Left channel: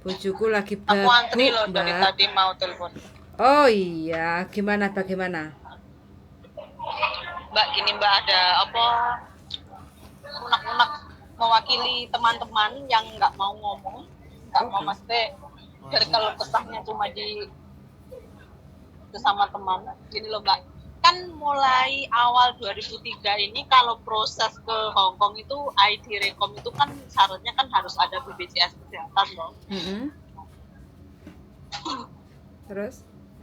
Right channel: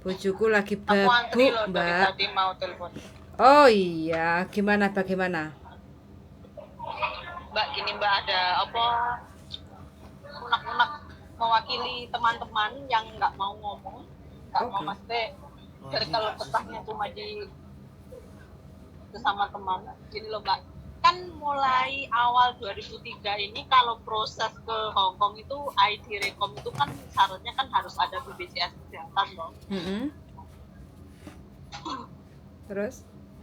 Bojoku lagi Aku antri babuk, loh dari Mbak. tadi mau telepon. Oh iya, bagaimana? Mbak, gini Mbak, ada apa? Unek-unek mewakili teman-teman yang nggak mau ngomong, nggak mau Oke. mesti dari kalau kesahnya cuma di sesama teman. Gini loh Mbak, kan mulai awal 2003 ini kalau proses ke Hong Kong itu ID Rekom itu kan syaratnya kan harus ada BPJS kesehatan loh. Mm-mm. Terus?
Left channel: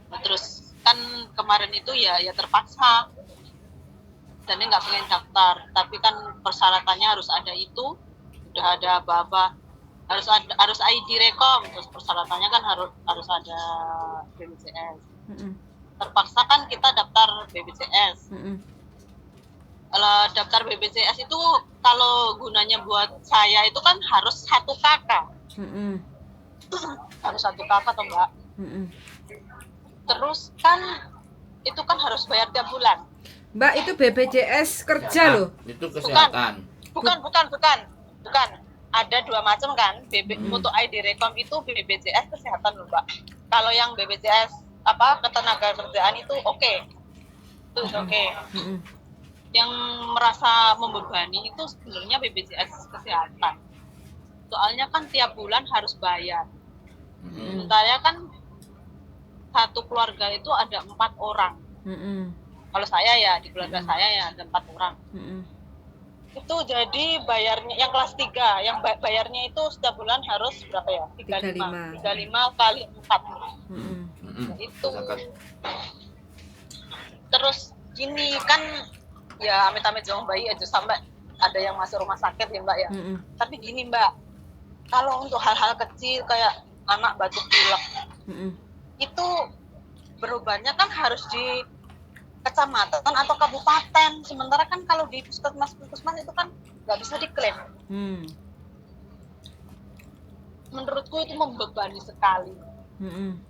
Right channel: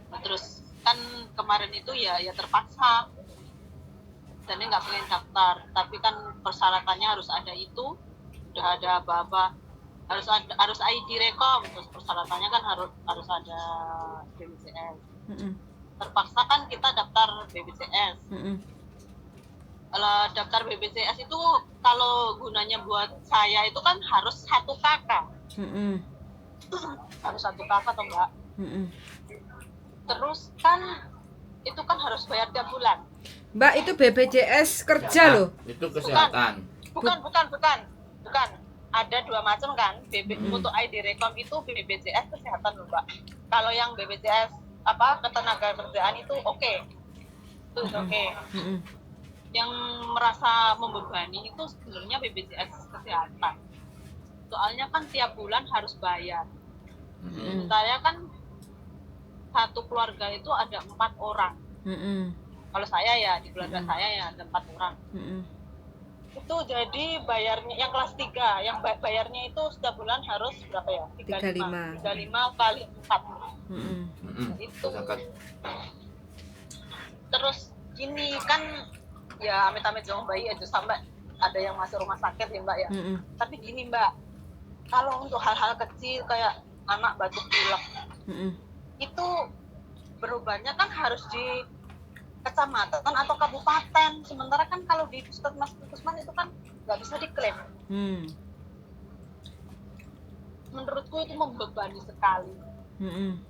Nah, terus kan kemarin itu ya terpaksa dan nggak pengen daftar, tapi kan persyaratannya harus ada itu, udah ada apa-apa, harus ID Rekom, terus persyaratannya kan harus ada BPJS. Mm-mm. Terpaksa kan kita daftar BPJS. Mm-mm. Kalau daftar BPJS itu kalau gunanya buat saya itu kan harus satu kakak. Mm-mm. Harus satu kakak toh Mbak. Mm-mm. Terus kan itu kan harus bayar tiap bulan. Mbak, itu BPJS kerja loh. Itu kesehatan. Bukan. Ada dua macam kan. Untuk ID Rekom itu BPJS kesehatan loh Mbak. Kalau yang BPJS ketenaga kerjaan itu oke. Itu oke. Yang merasa membebani itu sebenarnya BPJS kesehatan. Soalnya kan tiap bulan harus bayar. Saya kan satu keluarga itu ada 4 orang. Kalau saya ya di keluarga saya ya ada 4 orang. Itu jadi bayarnya yang kelas 3, yang bayarnya itu setiap bulan harus berapa ya? 35 kali 4. Itu. Terus gini kan ya amit-amit jangan bayi aja sampai ada yang masuk rumah sakit ya Mbak ya. Tapi gini Mbak, kalau untuk hal-hal kecil kayak anak batuk pilek, itu berobatnya kan harus di kecamatan atau kabupaten. Sementara kan kalau di puskesmas itu kan nggak bisa diklaim. Menurutku itu membebani sekali.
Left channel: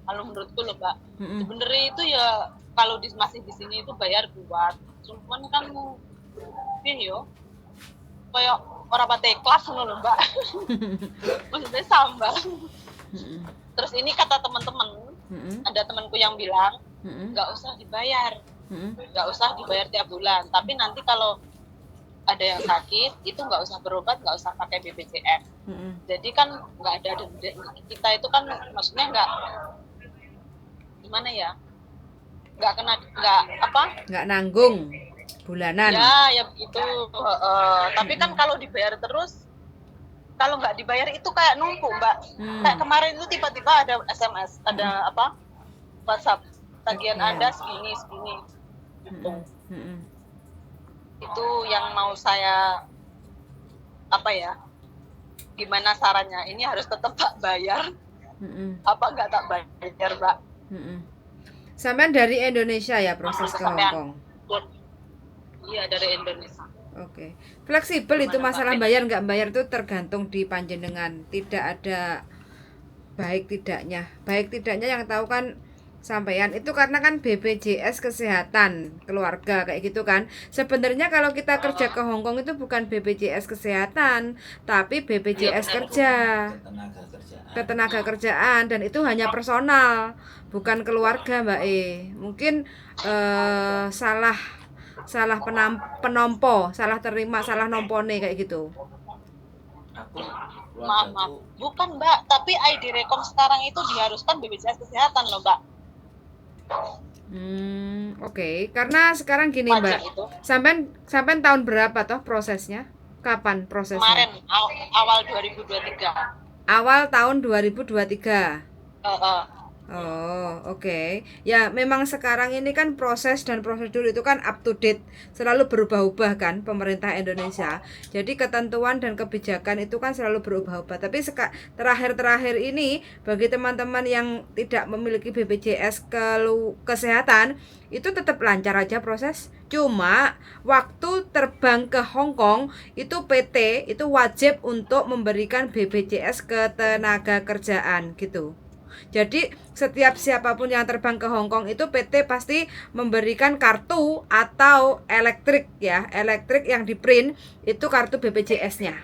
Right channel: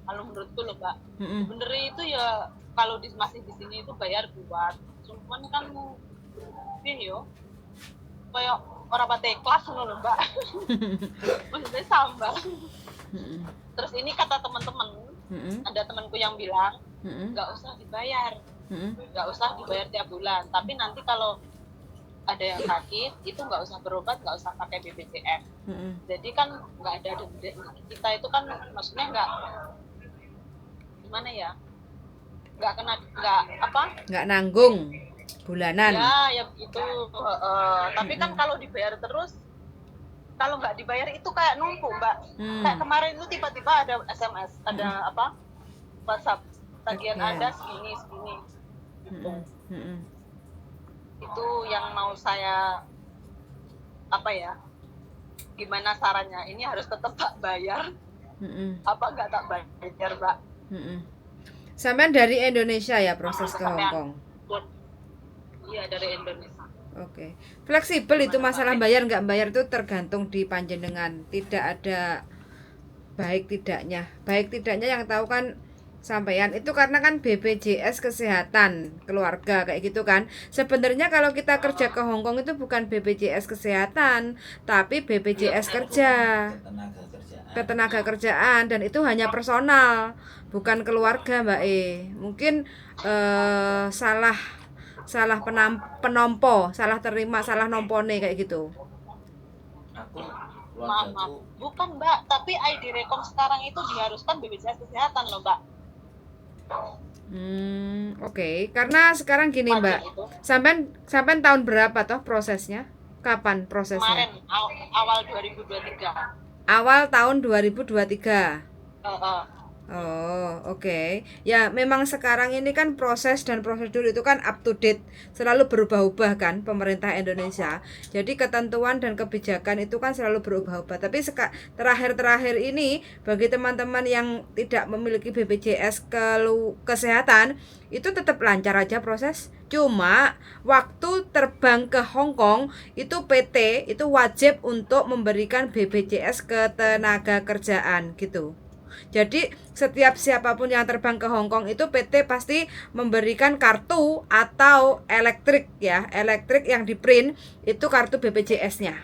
Kalau menurutku loh Mbak, sebenarnya itu ya kalau masih di sini itu bayar buat, cuman kan yo kayak orang pate kelas loh Mbak. Maksudnya sambal. Terus ini kata teman-teman, ada temanku yang bilang nggak usah dibayar tiap bulan, tapi nanti kalau ada yang sakit itu nggak usah berobat, nggak usah pakai BPJS. Jadi kan nggak ada denda, kita itu kan maksudnya nggak gimana ya, nggak nanggung bulanan ya begitu. Tapi kan kalau dibayar terus, kalau nggak dibayar itu kayak numpuk Mbak. Kayak kemarin itu tiba-tiba ada SMS, ada WhatsApp, tagihan Anda segini gitu. Itu yang mau saya gimana sarannya, ini harus tetap bayar apa nggak tak bayar Mbak. Sampean dari Indonesia ya proses ke Hong Kong? Iya, dari Indonesia. Oke. Fleksibel itu masalah bayar nggak bayar itu tergantung di panjenengan, tidak ada baik tidaknya yang tahu kan sampean itu, karena kan BPJS kesehatan keluarga kayak gitu kan. Sebenarnya kalau kita kerja ke Hong Kong itu bukan BPJS kesehatan tapi BPJS kerja, ketenaga kerjaan, dan itu hanya personal bukan keluarga Mbak mungkin salah penompo, salah terima, salah nompone kayak gitu. Maaf, bukan Mbak, tapi ID Rekom sekarang itu diharuskan BPJS kesehatan loh Mbak. Oke. Karena sekarang gini Mbak, sampai tahun berapa toh prosesnya? Kapan prosesnya? Kemarin awal 2023. Awal tahun 2023. Oh, oke. Ya, memang sekarang ini kan proses dan prosedur itu kan up to date, selalu berubah-ubah kan pemerintah Indonesia. Jadi ketentuan dan kebijakan itu kan selalu berubah-ubah. Tapi terakhir-terakhir ini bagi teman-teman yang tidak memiliki BPJS kesehatan itu tetap lancar aja proses. Cuma waktu terbang ke Hong Kong itu PT itu wajib untuk memberikan BPJS ketenaga kerjaan gitu. Jadi setiap siapapun yang terbang ke Hong Kong itu PT pasti memberikan kartu atau elektrik yang di print itu kartu BPJS-nya.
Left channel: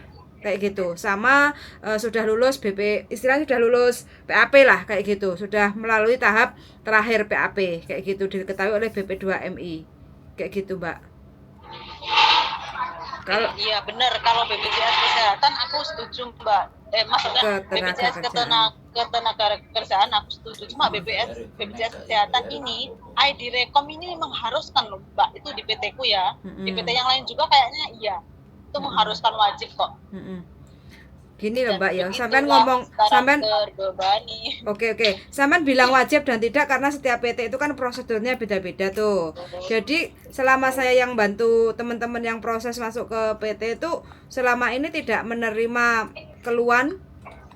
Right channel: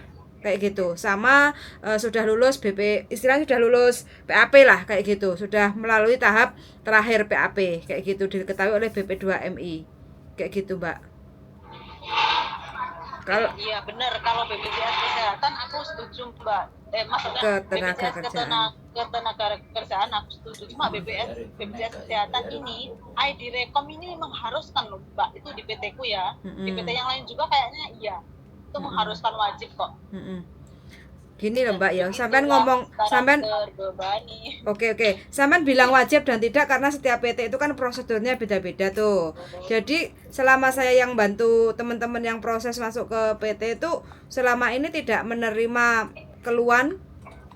kayak gitu. Sama sudah lulus istilahnya sudah lulus PAP lah kayak gitu, sudah melalui tahap terakhir PAP kayak gitu, diketahui oleh BP2MI kayak gitu Mbak. Kalau iya benar, kalau BPJS kesehatan aku setuju Mbak. Maksudnya ketenaga BPJS kerjaan. ketenaga kerjaan aku setuju, cuma BPJS kesehatan ini ID Rekom ini mengharuskan loh Mbak, itu di PT ku ya. Di PT yang lain juga kayaknya iya, itu mengharuskan wajib kok. Gini loh Mbak ya, sampean ngomong sampean terbebani. Oke. Sampean bilang wajib dan tidak karena setiap PT itu kan prosedurnya beda-beda tuh. Jadi selama saya yang bantu teman-teman yang proses masuk ke PT itu selama ini tidak menerima keluhan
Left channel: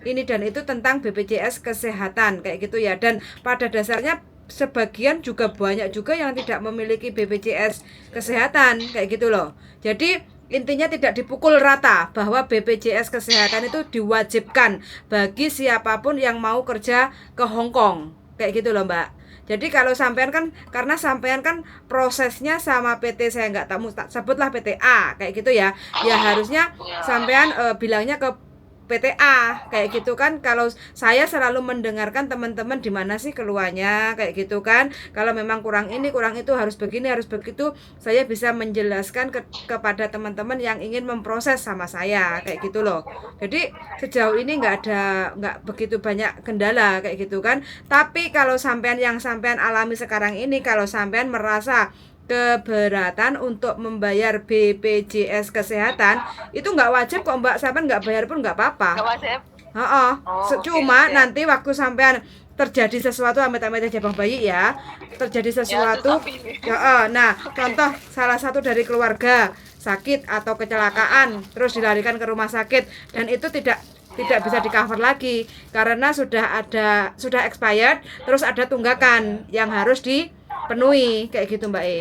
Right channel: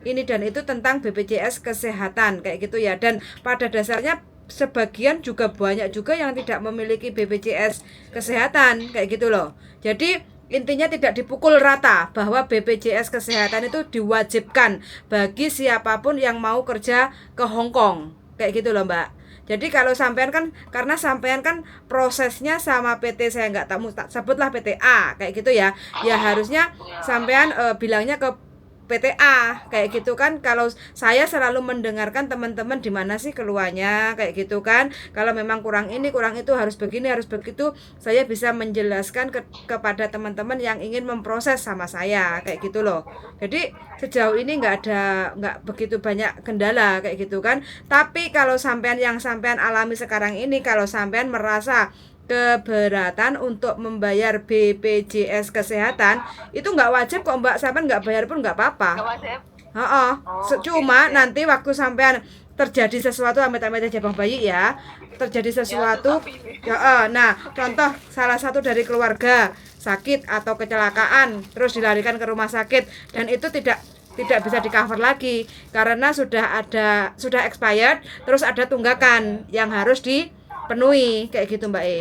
ini dan itu tentang BPJS kesehatan kayak gitu ya. Dan pada dasarnya sebagian juga banyak juga yang tidak memiliki BPJS kesehatan kayak gitu loh. Jadi intinya tidak dipukul rata bahwa BPJS kesehatan itu diwajibkan bagi siapapun yang mau kerja ke Hong Kong kayak gitu loh Mbak. Jadi kalau sampean kan karena sampean kan prosesnya sama PT saya nggak tahu sebutlah PT A kayak gitu ya. Ya harusnya sampean bilangnya ke PTA kayak gitu kan. Kalau saya selalu mendengarkan teman-teman di mana sih keluarnya kayak gitu kan. Kalau memang kurang ini kurang itu harus begini harus begitu, saya bisa menjelaskan kepada teman-teman yang ingin memproses sama saya kayak gitu loh. Jadi sejauh ini nggak begitu banyak kendala kayak gitu kan. Tapi kalau sampean yang sampean alami sekarang ini, kalau sampean merasa keberatan untuk membayar BPJS kesehatan itu nggak wajib kok Mbak, sampean nggak bayar pun nggak apa-apa. Cuma nanti waktu sampean terjadi sesuatu amit-amit aja Bang Bayi ya, terjadi sesuatu nah contoh salah satu dari keluarga sakit atau kecelakaan terus dilarikan ke rumah sakit dan itu tidak bisa di cover lagi karena sudah expired, terus ada tunggakan yang harus dipenuhi kayak gitu Mbak E.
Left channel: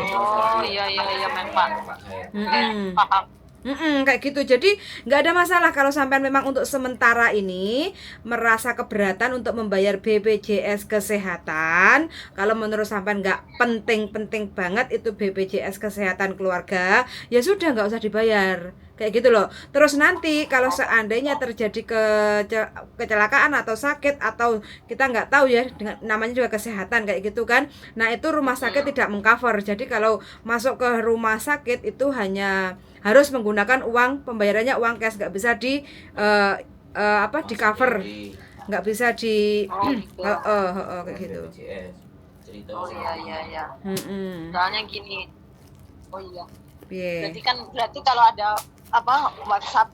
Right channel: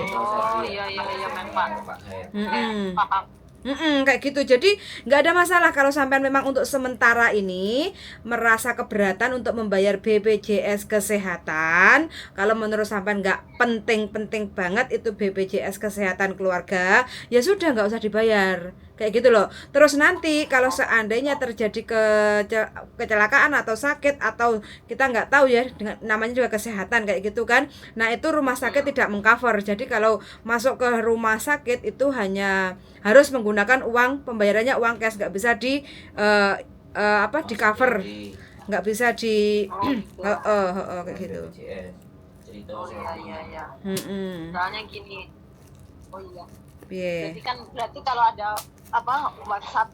Iya memang. Kayak gitu. Jadi nggak ada masalah kalau sampean memang untuk sementara ini merasa keberatan untuk membayar BPJS kesehatan. Kalau menurut sampean nggak penting-penting banget itu BPJS kesehatan keluarga, ya sudah nggak usah dibayar kayak gitu loh. Terus nanti kalau seandainya terjadi kecelakaan atau sakit atau kita nggak tahu ya, namanya juga kesehatan kayak gitu kan, nah itu rumah sakit tidak mengcover. Jadi kalau masuk ke rumah sakit itu hanya harus menggunakan uang, pembayarannya uang cash, nggak bisa di cover, nggak bisa di kayak gitu. Iya. Soalnya gini, jadi kan berarti kalau ada WhatsApp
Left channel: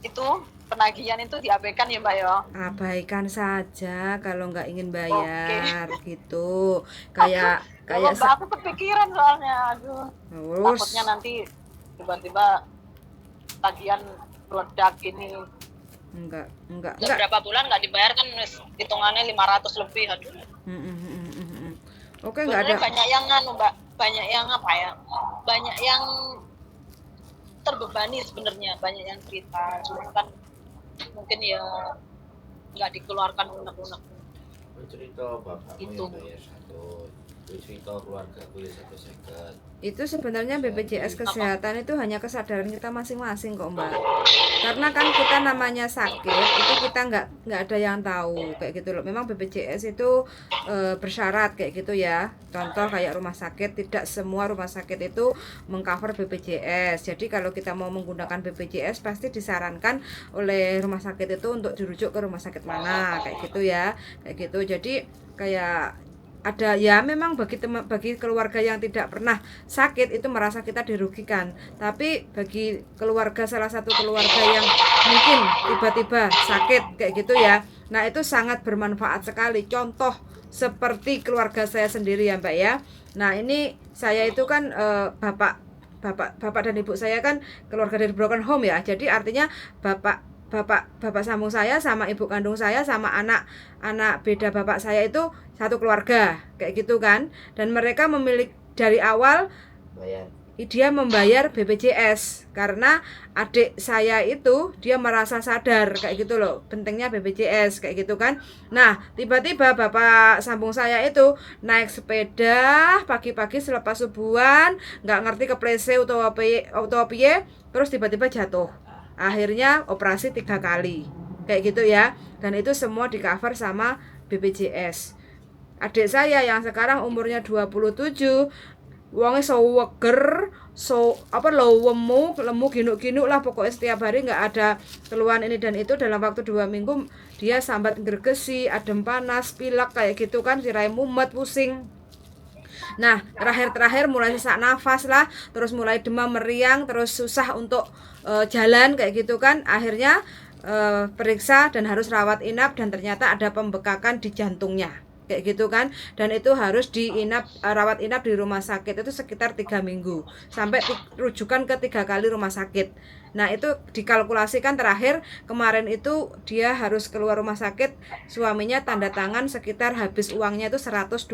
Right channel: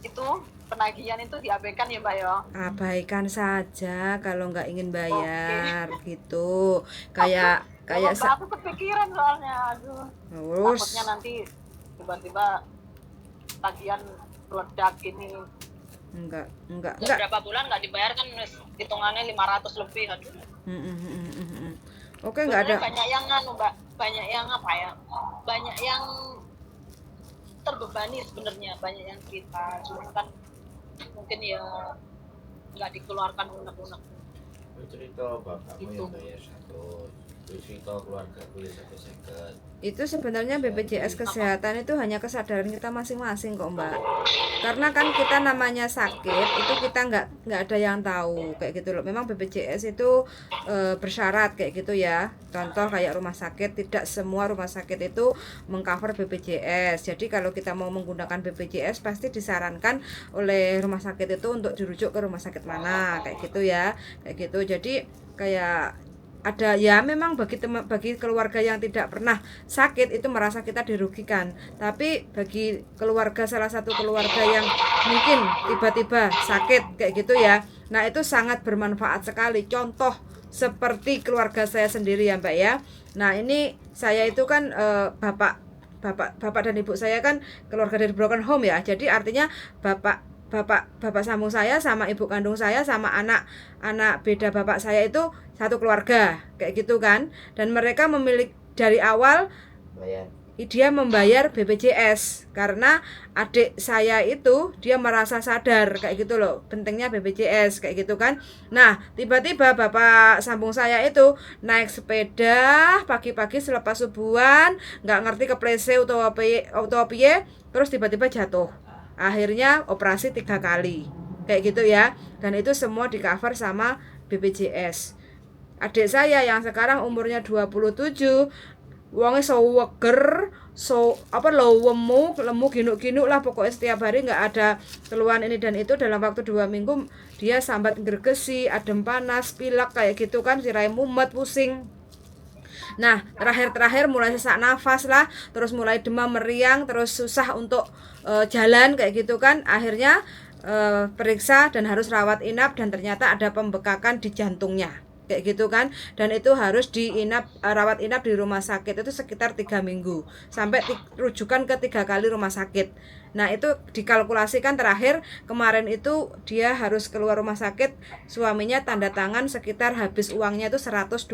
itu penagihan itu diabaikan ya Mbak ya? Abaikan saja kalau nggak ingin bayar gitu. Kayak aku kepikiran soalnya, takutnya nanti tiba-tiba tagihan meledak ini. Enggak. Berapa bulan nggak dibayar kan hitungannya 500 lebih. Oke, nggak ada. Banyak yang Mbak, banyak yang terbebani sebenarnya, banyak yang cerita, cuma kan mungkin ya nggak dikeluarkan unek-unek. Cerita bapakmu yang bayar satu, cerita keluargaku yang seket. Itu sebenarnya BPJS kesehatan itu hanya kesadaran kita masing-masing kok Mbak. Karena kan kita namanya sakit itu kita nggak ada yang tahu kayak gitu loh. Memang BPJS itu bersyarat kayak gitu ya. Contoh kayak rumah sakit, tidak semua rumah sakit itu mengcover BPJS. Jadi kalau kita mau menggunakan BPJS pasti disarankan oleh rumah sakit itu untuk dirujuk ke rumah sakit mana kayak gitu ya. Kayak gitu. Jadi kayak ada ya memang bagi keluarga yang tidak pernah sakit itu merasa kita dirugikan, tapi bagi salah satu keluarga yang mungkin tiba-tiba sakit kayak gitu ya, nah itu sangat bermanfaat sekali. Contoh seperti keluarga saya sendiri ya Mbak ya. Nah ini saya itu kan bapak dan ibu saya kan keluarga dari broken home ya, jadi artinya bapak sambung saya sama ibu kandung saya sama anak beda bapak saya itu satu keluarga kayak gitu kan, dan mereka memiliki dari awal dia membayar BPJS karena adik saya itu dia merasa sadar kayak gitu loh pentingnya BPJS kayak gitu kan. Nah tiba-tiba bapak sambung saya itu naik sepeda pagi-pagi selepas subuhan, nggak ngerti keplese atau piye, terus tiba-tiba jatuh. akhirnya operasi 3 kali kayak gitu ya, dan itu semua di cover sama BPJS. Adik saya yang sekarang umurnya 27, wongnya seweger, lemu ginuk-ginuk lah, pokoknya setiap hari nggak ada keluhan ini dan itu, dalam waktu 2 minggu dia sambat gergesi, adem panas, pilek kayak gitu kan, sirai mumet, pusing. Nah, terakhir mulai sesak nafas lah, terus mulai demam meriang, terus susah untuk jalan kayak gitu kan. Akhirnya periksa dan harus rawat inap, dan ternyata ada pembekakan di jantungnya kayak gitu kan, dan itu harus rawat inap di rumah sakit itu sekitar 3 minggu sampai rujukan ke 3 kali rumah sakit. Nah, itu dikalkulasikan terakhir kemarin itu dia harus keluar rumah sakit, suaminya tanda tangan sekitar habis uangnya itu 120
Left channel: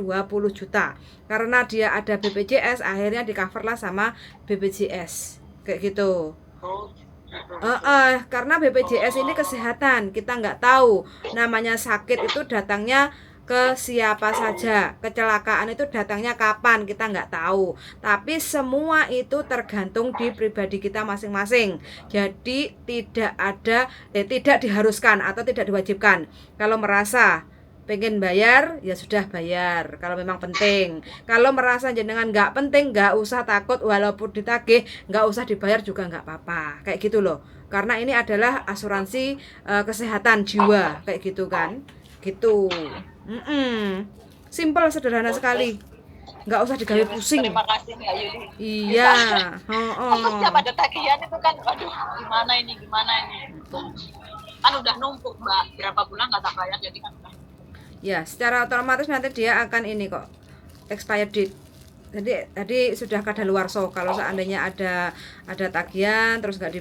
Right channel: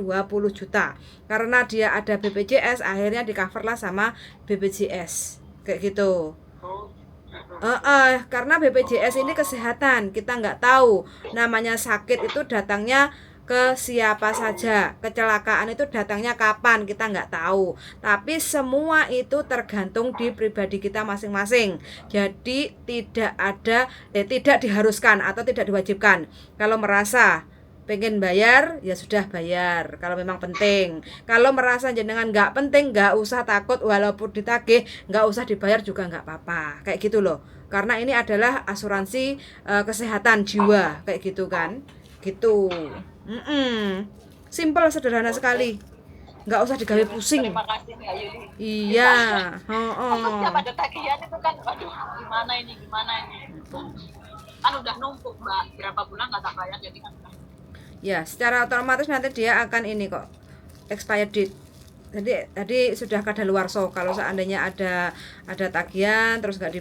juta. Karena dia ada BPJS, akhirnya di cover lah sama BPJS kayak gitu. Karena BPJS ini kesehatan, kita nggak tahu namanya sakit itu datangnya ke siapa saja, kecelakaan itu datangnya kapan kita nggak tahu, tapi semua itu tergantung di pribadi kita masing-masing. Jadi tidak diharuskan atau tidak diwajibkan. Kalau merasa pengen bayar ya sudah bayar kalau memang penting. Kalau merasa jenengan nggak penting, nggak usah takut, walaupun ditagih nggak usah dibayar juga nggak apa-apa kayak gitu loh, karena ini adalah asuransi kesehatan jiwa kayak gitu kan gitu. Simple, sederhana sekali, nggak usah digawe pusing. Terima kasih Mbak Yuli. Iya. Aku setiap ada tagihan itu kan, aduh gimana ini kan udah numpuk Mbak, berapa bulan nggak tak bayar, jadi kan Ya, secara otomatis nanti dia akan ini kok, expired date. Jadi sudah kadaluarsa. Kalau seandainya ada tagihan terus nggak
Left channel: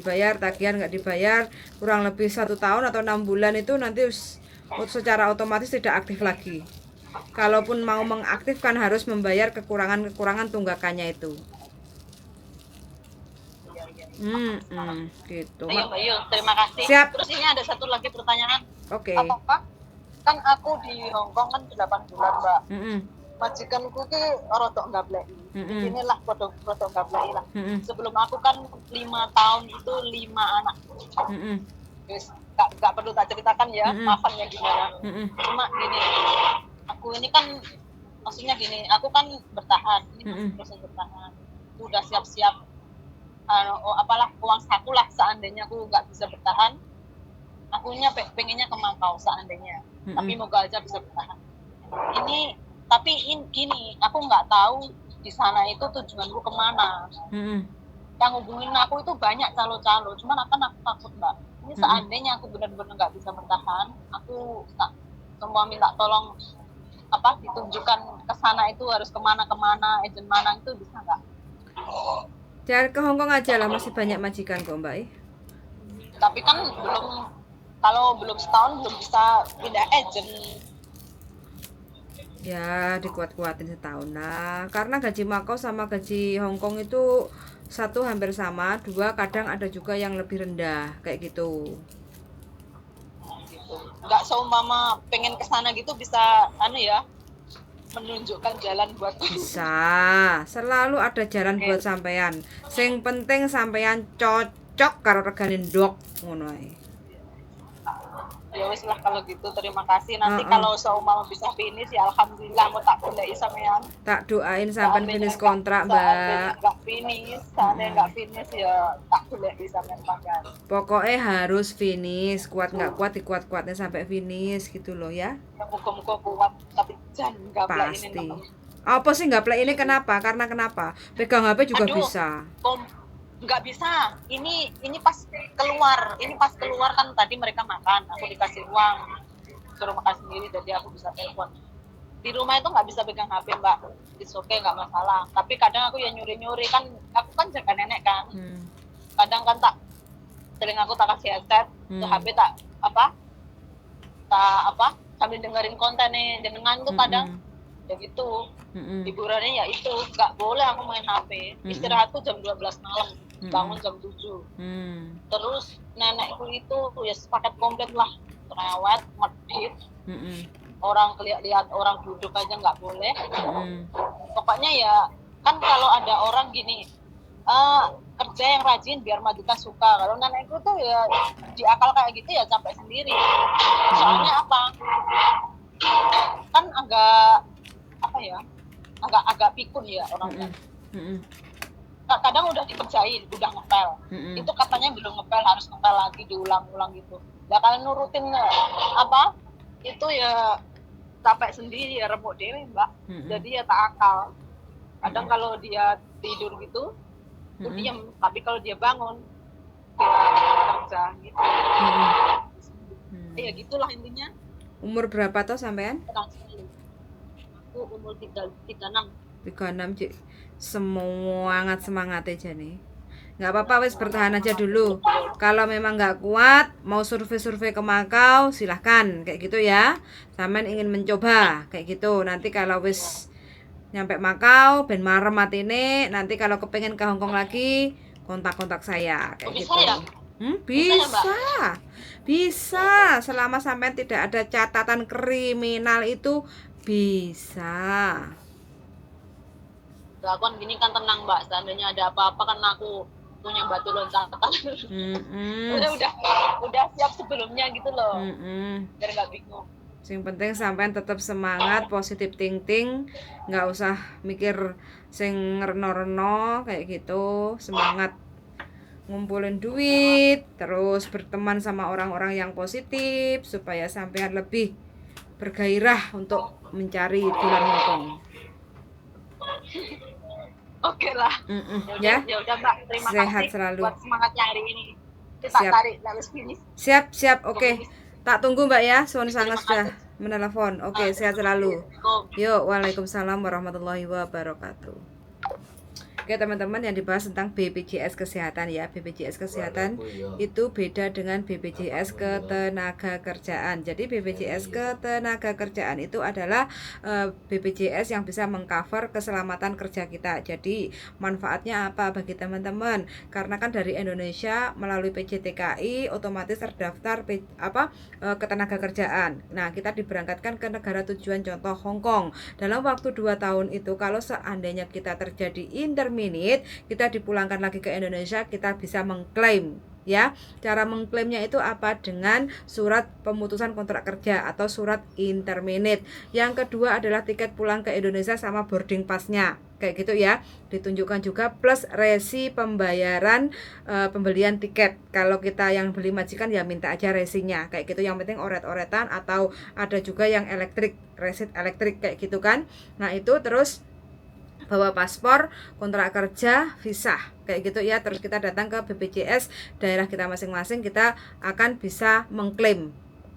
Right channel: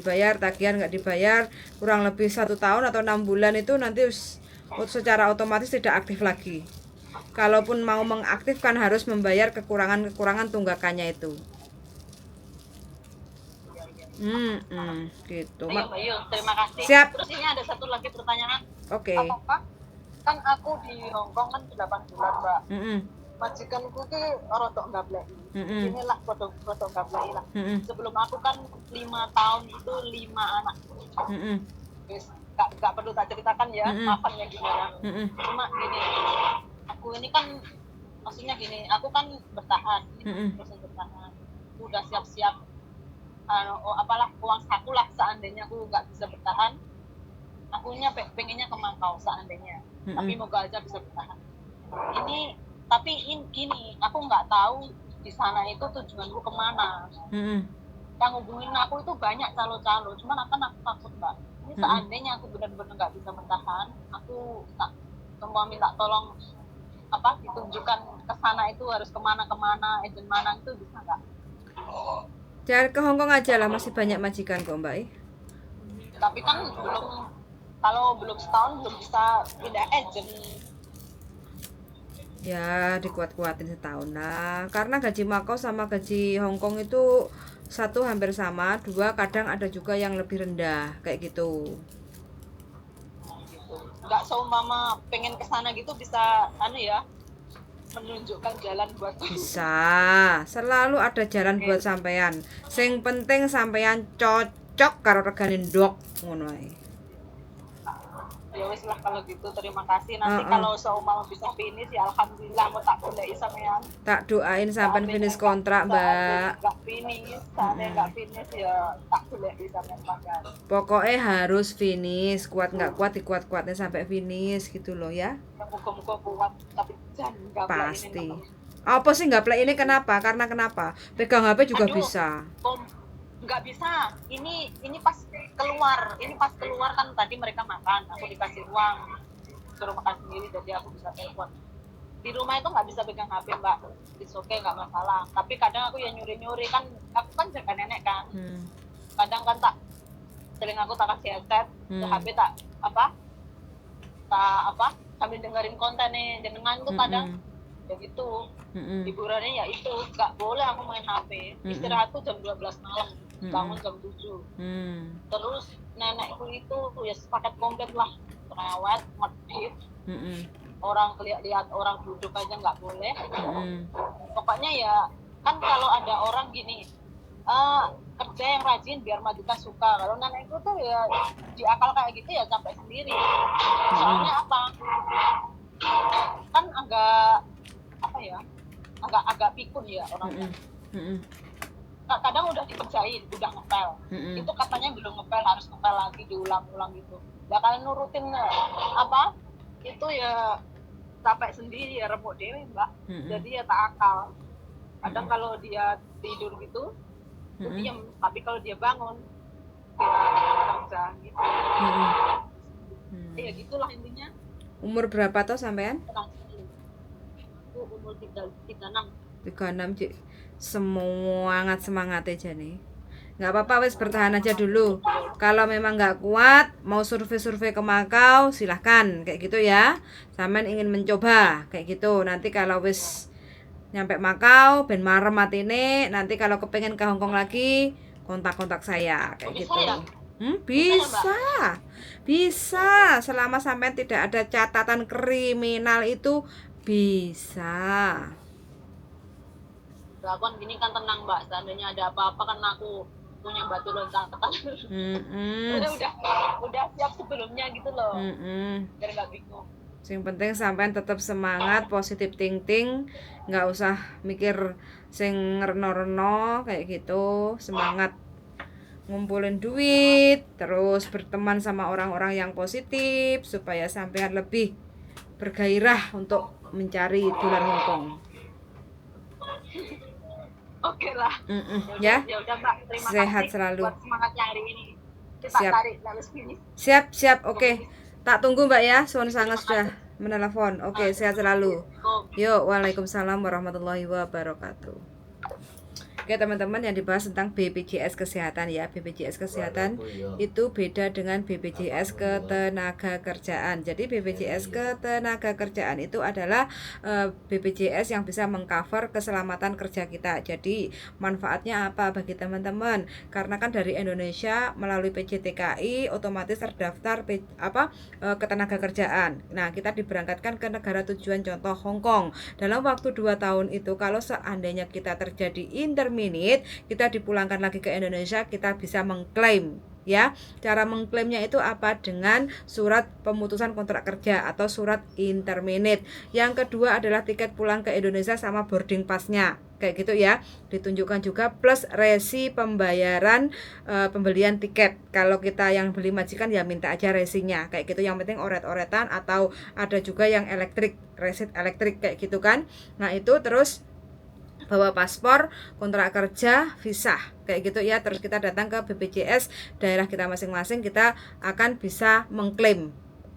dibayar kurang lebih 1 tahun atau 6 bulan, itu nanti secara otomatis tidak aktif lagi. Kalaupun mau mengaktifkan harus membayar kekurangan tunggakannya itu. Gitu. Ayo Mbak Yul, terima kasih. Siap. Terus ini ada satu lagi pertanyaan. Oke. Apakah kan aku di Hongkong kan 8 bulan Mbak. Majikanku ki rodok ngableki. Inilah rodok ngableki lah. Sebelum aku kan 5 tahun itu 5 anak. Guys, nggak perlu tak ceritakan ya maafnya gimana. Cuma gini, aku ini kan maksudnya gini, aku kan bertahan, ini proses bertahan. Aku udah siap-siap uang saku lah seandainya aku nggak bisa bertahan. Akunya pengennya ke Makau seandainya, tapi moga aja bisa bertahan. Gini, aku nggak tahu di sana itu tujuanku kemana. Yang hubungin aku itu banyak calo-calo, cuman aku takut Mbak. Ini seandainya aku benar-benar nggak bisa bertahan, aku semua minta tolong ditunjukkan ke sana itu harus kemana, agent mana itu bisa nggak? Jangan ke Hongkong aja lah, masih banyak majikan kok Mbak. Tapi kan kalau belum setahun belum bisa pindah agent. Ya dikuat-kuatin setahun lah, karena gaji Makau sama gaji Hongkong itu satu hampir sama, dua kadang ada juga yang lebih rendah kayak gitu. Nggak seumpama pengen kesana gitu bisa menunjukkan jalan buat bisa, selalu ada jalan buat sampean. Sing penting sampean cocok karo regane ndok ngono ae. Ya wis lah kalau gitu, terima kasih. Nanti kalau seumpama bisa finish ya alhamdulillah, mau tak goleki sampean. Tak doain sampean finish kontrak, Mbak. Enggak finish ya tak goleki sampean makan. Pokoknya harus finish, kuat nggak kuat dikuat-kuatnya sampai finish gitu loh ya. Muga-muga kuat, tapi jangan gaplek. Pasti. Apa sih gaplek ini kenapa? Karena kenapa? Pegang HP juga bisa. Nggak bisa, ini pas keluar kan tadi mereka makan, aku dikasih uang suruh makan sendiri, jadi aku bisa telepon. Di rumah itu nggak bisa pegang HP Mbak, it's okay, nggak masalah. Tapi kadang aku ya nyuri kan, aku kan jaga nenek kan. Kadang kan sering aku tak kasih headset ke HP, tak sambil dengerin konten nih jenengan tuh kadang ya gitu. Hiburannya ya itu, nggak boleh aku main HP. Istirahat tuh jam 12 malam, bangun jam 7. Terus nenekku itu ya paket komplit lah, terawat, medit, orang lihat orang duduk aja nggak boleh. Pokoknya ya kan kalau ada orang gini, kerja yang rajin biar majikan suka. Kalau nenek itu tuh ya di akal kayak gitu ya capek sendiri. Soalnya apa? Kan agak apa ya? Agak pikun ya orangnya. Kadang udah dikerjain, udah ngepel. Itu katanya belum ngepel, harus ngepel lagi, diulang-ulang gitu. Ya kalian nurutin apa? Itu ya capek sendiri ya, remuk dewe mbak. Jadi ya tak akal. Kadang kalau dia tidur gitu dia diam, tapi kalau dia bangun dia kerja gitu. Ya gitulah intinya. Umur berapa toh sampean? Aku umur 36. 36 Cik. Semangat aja nih. Nggak apa-apa, wes bertahan aja dulu. Kalau memang nggak kuat, mau survei-survei ke Makau, silahkan kayak gitu ya. Sampean ingin mencoba kayak gitu. Nanti kalau wes nyampe Makau, ben marem matine, nanti kalau kepengen ke Hongkong lagi, kontak-kontak saya kayak gitu. Ya? Bisa. Selama sampean tidak ada catatan kriminal itu bisa. Aku gini kan tenang mbak, seandainya ada apa-apa kan aku punya batu loncatan. udah siap sebelumnya gitu loh. Biar nggak bingung. Yang penting sampean tetap semangat, positif thinking, nggak usah mikir sing reno-reno kayak gitu. Semangat ngumpulin duit, terus berteman sama orang-orang yang positif supaya sampean lebih bergairah untuk mencari dolar Hongkong. Oke lah. Ya. Udah Mbak, terima sehat kasih selalu. buat semangatnya hari ini. Kita Siap. tarik garis finish. Siap. Oke. Tak tunggu Mbak ya. Suwun sangat sudah menelepon. Oke, sehat selalu. Yuk, waalaikumsalam warahmatullahi wabarakatuh. Oke teman-teman, yang dibahas tentang BPJS Kesehatan ya. BPJS Kesehatan itu beda dengan BPJS Ketenagakerjaan. Jadi BPJS Ketenagakerjaan itu adalah BPJS yang bisa mengcover keselamatan kerja kita. Jadi manfaatnya apa bagi teman-teman? Karena kan dari Indonesia melalui PJTKI otomatis terdaftar ketenagakerjaan. Nah, kita diberangkatkan ke negara tujuan, contoh Hongkong. Dalam waktu 2 tahun itu kalau seandainya kita terjadi intermittent, kita dipulangkan lagi ke Indonesia, kita bisa mengklaim ya. Cara mengklaimnya itu apa? Dengan surat pemutusan kontrak kerja atau surat interminate. Yang kedua adalah tiket pulang ke Indonesia sama boarding pass-nya kayak gitu ya, ditunjukkan juga plus resi pembayaran pembelian tiket. Kalau kita yang beli majikan ya minta aja resinya kayak gitu, yang penting oret-oretan, atau ada juga yang resit elektrik kayak gitu kan. Nah itu terus bawa paspor, kontrak kerja, visa kayak gitu ya. Terus kita datang ke BPJS daerah kita masing-masing, kita akan bisa mengklaim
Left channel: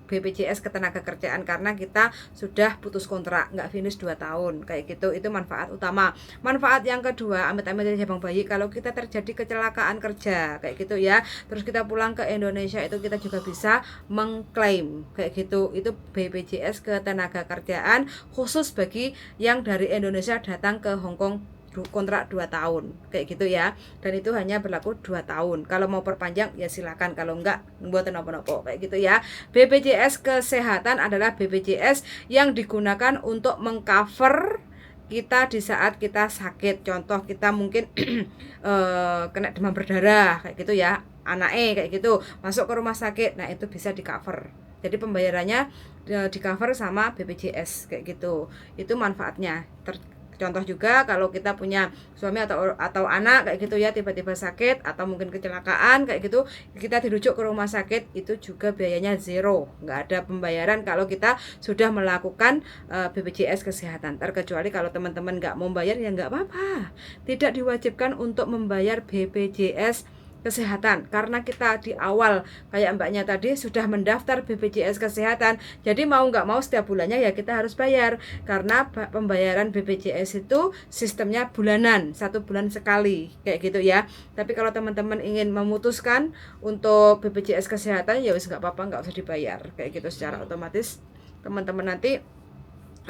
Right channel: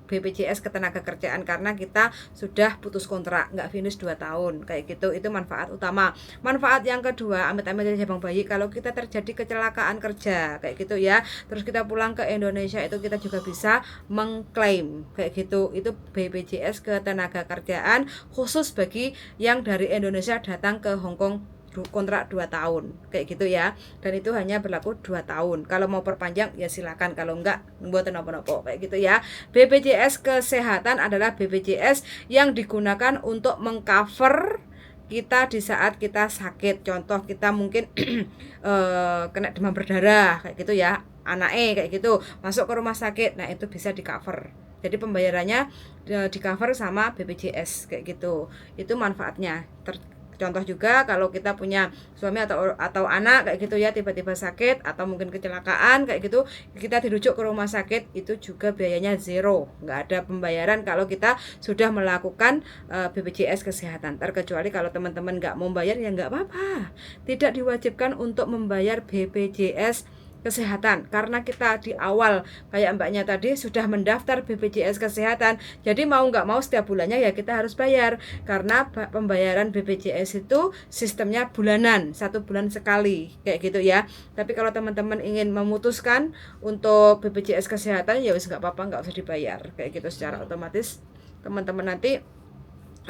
BPJS Ketenagakerjaan karena kita sudah putus kontrak, nggak finish 2 tahun kayak gitu. Itu manfaat utama. Manfaat yang kedua, amit-amit dari jabang bayi, kalau kita terjadi kecelakaan kerja kayak gitu ya, terus kita pulang ke Indonesia, itu kita juga bisa mengklaim kayak gitu. Itu BPJS Ketenagakerjaan khusus bagi yang dari Indonesia datang ke Hongkong kontrak 2 tahun kayak gitu ya, dan itu hanya berlaku 2 tahun. Kalau mau perpanjang ya silakan, kalau enggak buat nopo-nopo kayak gitu ya. BPJS Kesehatan adalah BPJS yang digunakan untuk mengcover kita di saat kita sakit. Contoh kita mungkin kena demam berdarah kayak gitu ya, anaknya kayak gitu masuk ke rumah sakit, nah itu bisa di cover. Jadi pembayarannya di cover sama BPJS kayak gitu. Itu manfaatnya. Contoh juga kalau kita punya suami atau anak kayak gitu ya, tiba-tiba sakit atau mungkin kecelakaan kayak gitu, kita dirujuk ke rumah sakit, itu juga biayanya zero, nggak ada pembayaran kalau kita sudah melakukan BPJS Kesehatan. Terkecuali kalau teman-teman nggak mau bayar ya nggak apa-apa, tidak diwajibkan untuk membayar BPJS Kesehatan karena kita di awal kayak mbaknya tadi sudah mendaftar BPJS Kesehatan, jadi mau nggak mau setiap bulannya ya kita harus bayar, karena pembayaran BPJS itu sistemnya bulanan, 1 bulan sekali kayak gitu ya. Tapi kalau teman-teman ingin memutuskan untuk BPJS Kesehatan ya wis nggak apa-apa, nggak usah dibayar kayak gitu, secara otomatis teman-teman nanti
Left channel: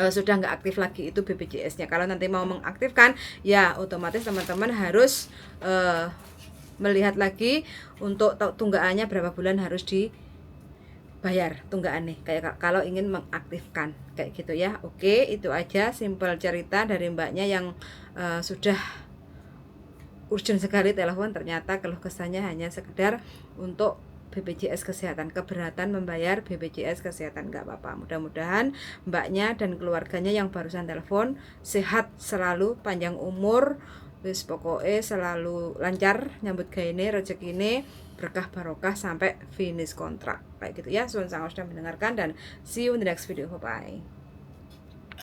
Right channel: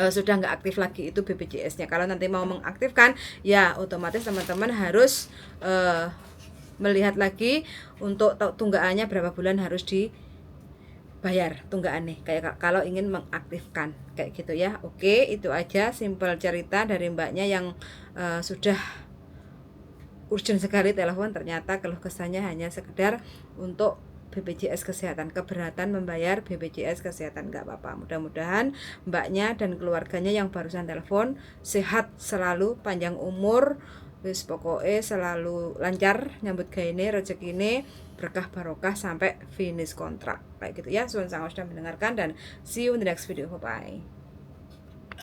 sudah nggak aktif lagi itu BPJS-nya. Kalau nanti mau mengaktifkan ya otomatis teman-teman harus melihat lagi untuk tunggakannya berapa bulan harus dibayar tunggakannya, kayak kalau ingin mengaktifkan kayak gitu ya. Oke, itu aja simpel cerita dari mbaknya yang sudah urgent sekali telepon, ternyata keluh kesahnya hanya sekedar untuk BPJS Kesehatan, keberatan membayar BPJS Kesehatan. Nggak apa-apa, mudah-mudahan mbaknya dan keluarganya yang barusan telepon sehat selalu, panjang umur, wis pokoknya selalu lancar nyambut gaine, rezekine berkah barokah sampai finish kontrak kayak gitu ya. Suwun sangat sudah mendengarkan dan see you in the next video. Bye bye.